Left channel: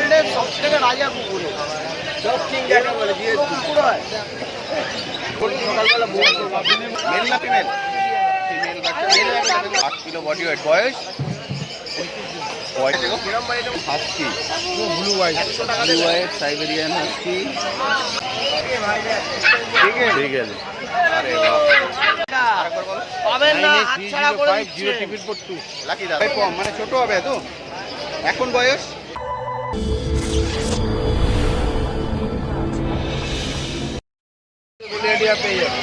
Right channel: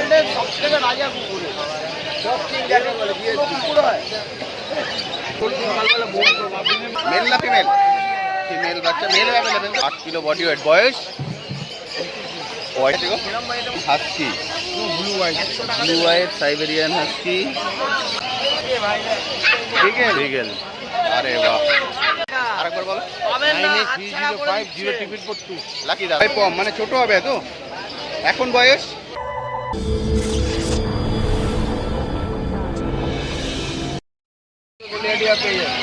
ওয়ার্ল্ডের সব থেকে রাজা কুকুর কুকুর হয়। মেল না ফিমেল? ফিমেল বাচ্চা, male available. 8 kilo body weight. বয়স husky, blue white, blue white Siberian husky, beagle. আরে বাহ, আরেকবার বলো। 983050 লাকি দা ভাই কম, মানে ছোট হবে তো এখন বয়স। গোলিয়াডিয়া পেয়ে যাবে,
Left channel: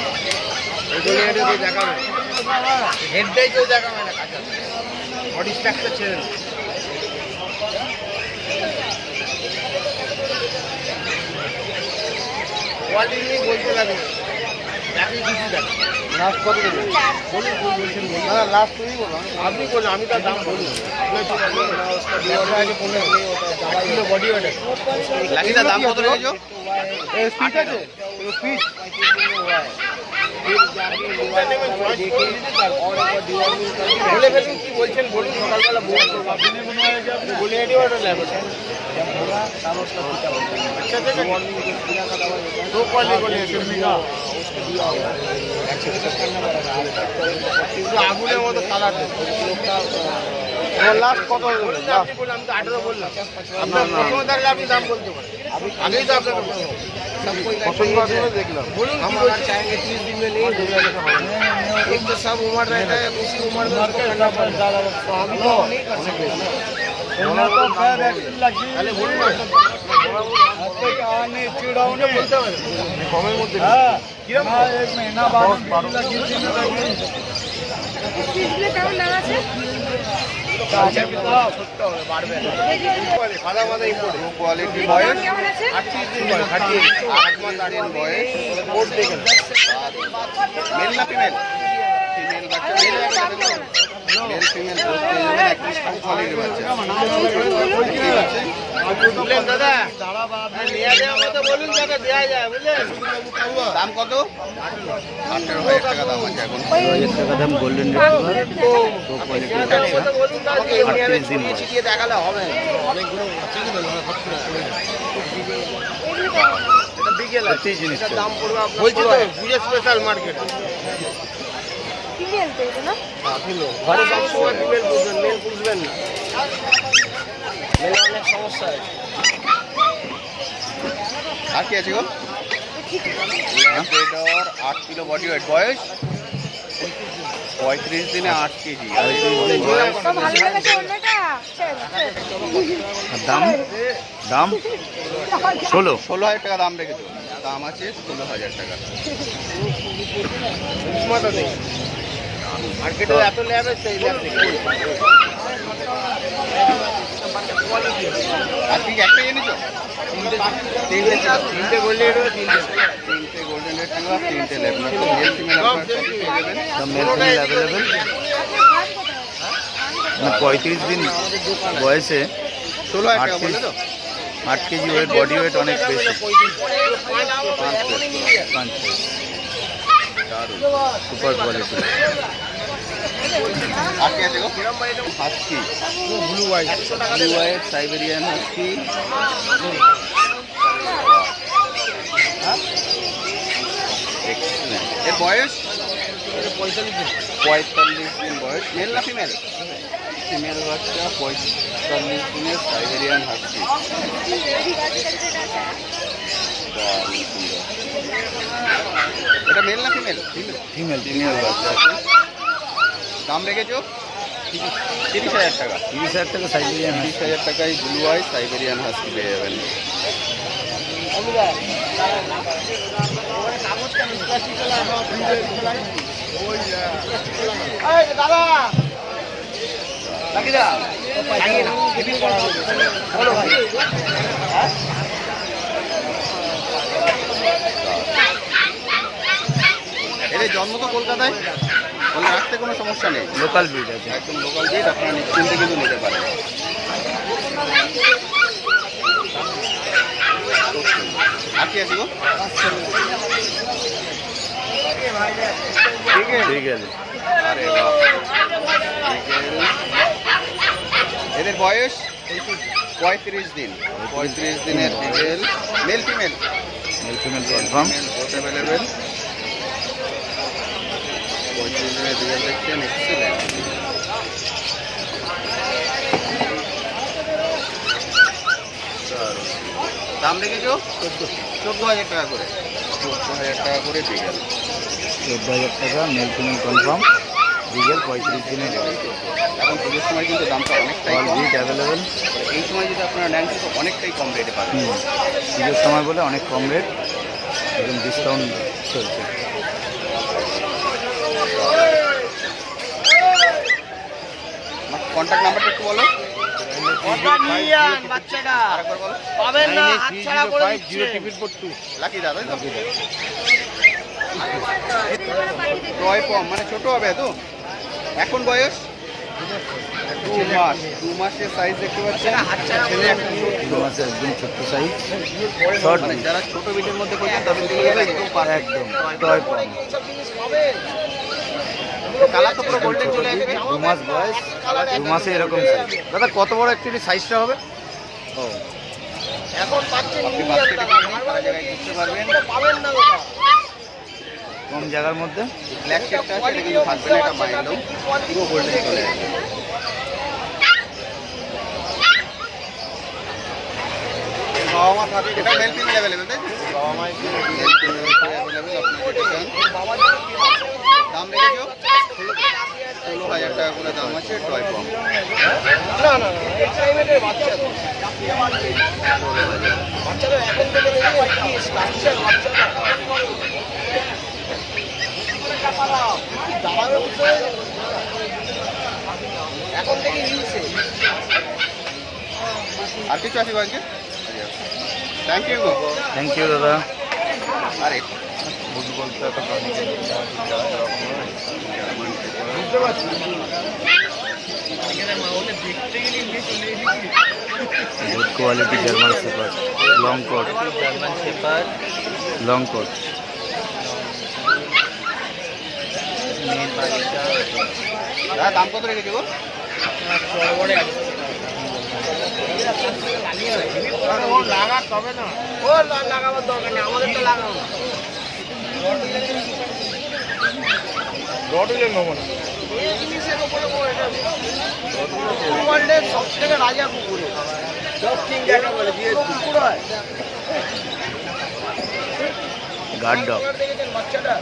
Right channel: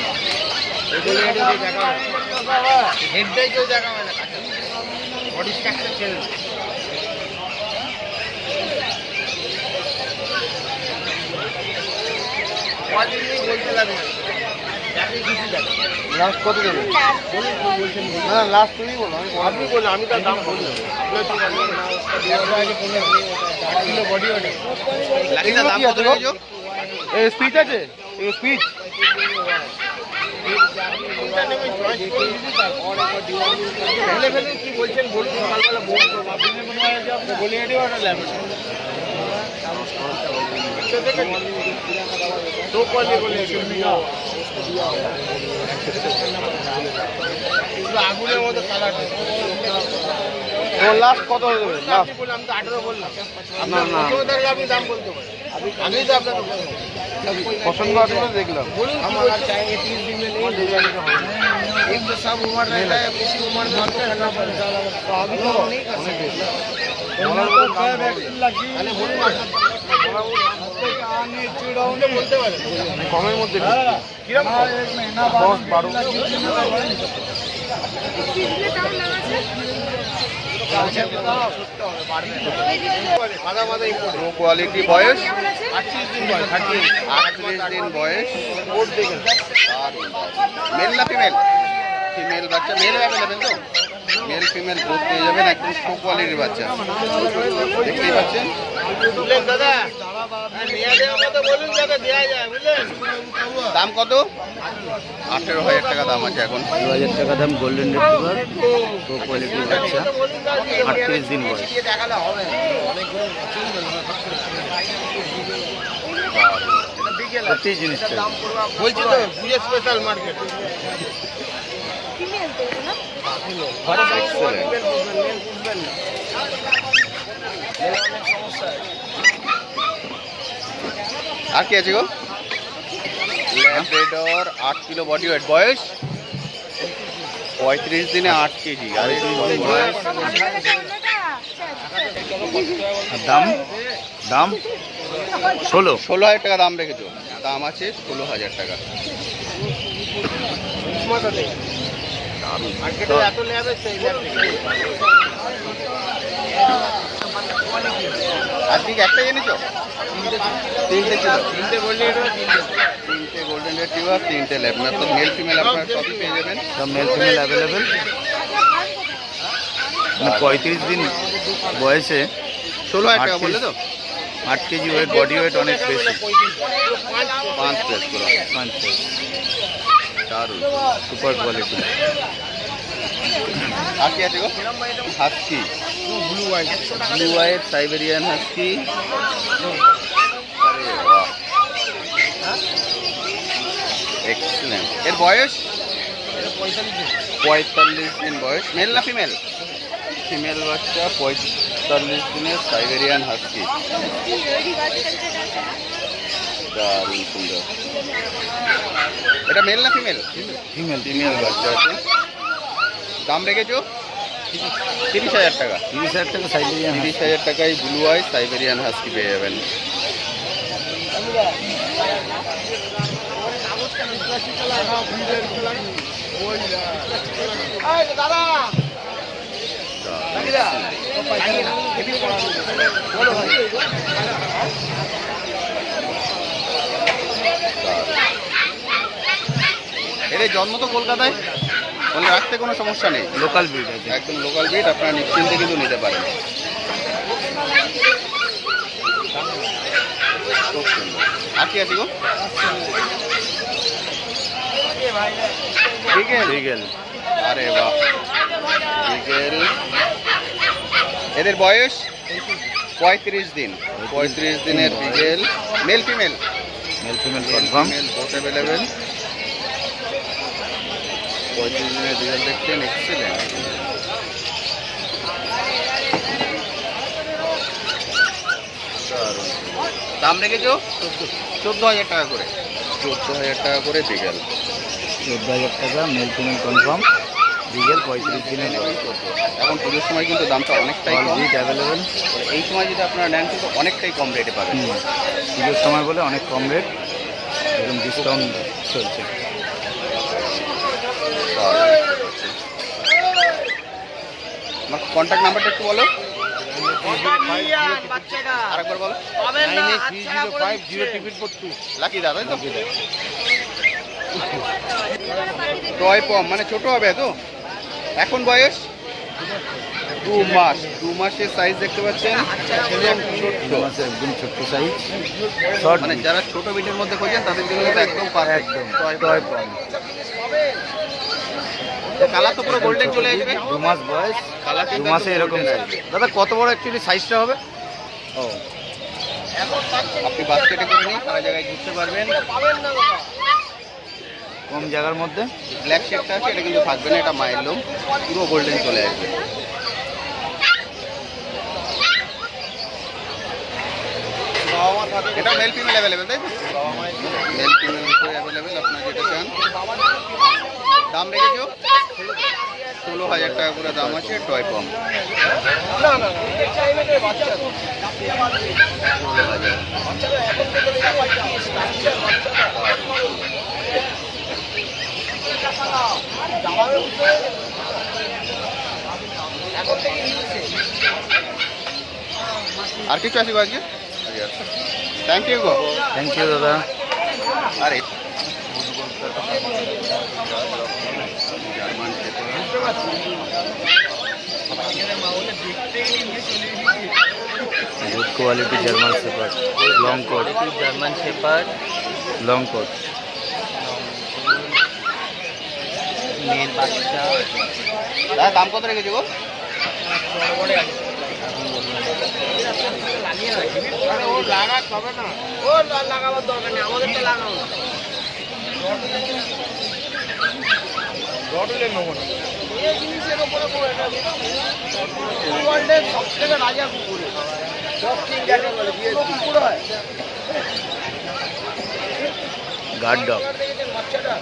এই গোলিয়াডিয়া দিয়ে দেখানো হেডটাই কেউ দেখাবে না, কাঁচা বডি স্ট্রাকচার ছেড়ে কোয়ালিটি নিয়ে বলতে লাগবে না, দেখেন কিছু দেখেন। লাস্ট কত দেবেন বলুন, বলছেন হ্যাঁ লাস্ট তুমি বলুন, আপনি বলুন, আমি তার দাম বললাম। আপনার কি বডি ওটা লাকি দা দাম কত রেখেছো? এই স্পিড আছে, এই স্পিড বলে ফেলুন কি বলছেন, বলছেন কালবেলা বলবো আপনি মনে হয় যে আপনি বলে এটাও একটা ল্যাব দু পয়সা বলে আগুনের মতো কালার। লাস্ট কত আপনি বললাম, আমি তো 18 বললাম। আপনার প্রথমে থাকলে আপনি দাম বলতে পারেন, আমি তো আপনার পছন্দ দেখলাম। বলুন কি বলছেন? 30 दिन में नहीं होगा, एक तो सब उम्र रहता है, उसी उम्र में ठंडा पड़ता है, अभी तो नहीं कर सकते। अरे बोलूँ आने चिड़ाउने बोलते हैं कमेर मध्य एक महीना बाद সাদা মাদা ইম্পোর্টেড কোয়ালিটি। বয়স 38 দিন বয়স, 8 মাস 8 দিন বয়স। কোড দেখেন। মেল না ফিমেল? ফিমেল বাচ্চা, মেল অ্যাভেলেবেল তো? মেল ফিমেল বোথ পেয়ে যাবেন। একদম টপ কোয়ালিটির বাচ্চা দেখতেই পাচ্ছেন। বুঝলেন দাদা, হ্যাঁ নেওয়া দেওয়া মতো বলুন যাতে দেওয়া যায়, বুঝলেন। দাম কত? 18,000 টাকা দাম আছে এখন। 2,000 টাকা দাম। গোল্ডেন রিট্রিভার, লো কোয়ালিটির বাচ্চা, 38 দিন বয়স। দেখালে হবে সত্যি জিনিসটা বলছি তো, বিয়ে স্পেশাল মার্কেট ঘরে বুঝবেন না, অনেক সমস্যা আছে। আর কি আছে গো? Labrador, 8 kilo body weight. বয়স 35 দিনে 8 কেজি। 35 দিন বয়স। আর দাম দাম 16,000 টাকা দাম রেখেছো। দাম আছে 16,000 টাকা। মার্কেটে এত ল্যাব আছে, আর ঠিক একটাই এনেছো? তিনটে গোল্ডেন তিনটে গোল্ডেন রিট্রিভার, 3টে ল্যাব্রাডর। মেল ফিমেল আপনারা সবই পেয়ে যাবেন। সব মেল ফিমেল অ্যাভেলেবেল। মানে 35 দিন বয়সে 16,000 টাকা বললে তো? 8 কেজি ওয়েট, বডি ওয়েট অনেক বেশি। 5 কেজি। Super quality. আর কি আছে গো? Husky, blue white, blue white Siberian husky. Excellent. এর বয়স 45 দিন বয়স। মেল না ফিমেল? ফিমেল বাচ্চা, 45 দিনের সাইবেরিয়ান হাস্কি। দারুণ সুন্দর। এটা মেল না ফিমেল? ফিমেল। ফিমেল বাচ্চা আছে। দাম রেখেছো 30,000 টাকা। 30,000 টাকা সাইবেরিয়ান। 30,000 টাকায় ব্লু আই সাইবেরিয়ান হাস্কি পেয়ে যাবেন। এদের জন্ম তো কলকাতায়, ওখানে রাখতে কোনো সমস্যা নেই। লোকাল ব্রিড আছে, একদম লোকাল ব্রিড, আপনারা নিশ্চিন্তে কিন্তু নিতে পারেন। আর কি আছে গো? বিগেল। আরে বাহ, বিগেল। এদের বয়স 35 দিন 35 দিনের beagle male female male female confirm. both available 35 দিনের বিগেল দেখছেন এক্সেলেন্ট। দাম রেখেছো 14,000 টাকা করে 14,000 টাকা করে বিগেল 14,000 টাকা মেল ফিমেল কনফার্ম, বিকেল 35 দিনের বয়স। এখন পুজোর সময় কিন্তু দামটা অনেকটাই অল কম। Bit available. এই সময় যদি আপনারা নেন কিন্তু অনেকটাই কম রেটে পাবেন। পুজোর সময় বলে অনেক কম রেট, একদম ডিসকাউন্ট চলছে। কন্ট্যাক্ট নাম্বারটা একটু বলো। লাকি দাদা টয় পম মানে ছোট হবে তো। এখন বয়স 2 মাসের সাইজ দেখতে পাচ্ছেন। ছেলে একটা মেয়ে। 2 মাসে একদম ছোট্ট সাইজ, শর্ট মানে যারা ছোট বিটের মধ্যে খোঁজেন তাদের জন্য এটা একদম perfect। একদম টয় পম। কালার তো পুরো গোল্ডেন চলে আসবে। 2 মাস বয়স, 2 মাসে এরকম সাইজ। দাদা কত বড় অ্যাকচুয়ালি সাইজটা হবে? ও আপনি বাস্কেটে করে নিয়ে সারা জায়গায় দিতে পারবেন। কম জায়গার মধ্যে। ব্ল্যাক শেডটা আছে এটা কিন্তু থাকবে না, এটা মাইন্ডও পুরো গোল্ডেন চলে আসবে। এটা মেল ফিমেল অ্যাভেলেবেল তাই তো? মেল ফিমেল অ্যাভেলেবেল আপনার যেটা চান। দাম রেখেছো 16,000 টাকা করে দাম আছে টয় কম। আর কিছু আছে আজকে? থ্যাংক ইউ গো। থ্যাংক ইউ দাদা। আরে good quality German shepherd, long coat, long coat. দাম কত রেখেছি গো? লাগাবার দরকার নেই, আমাদের তো লাগাবো না। এই জিনিসের ওপরে ওয়ার্ল্ডের সব থেকে রাজা কুকুর এটা। কুকুর হয় গার্ড ডগ। দেখেছেন বাচ্চাটা?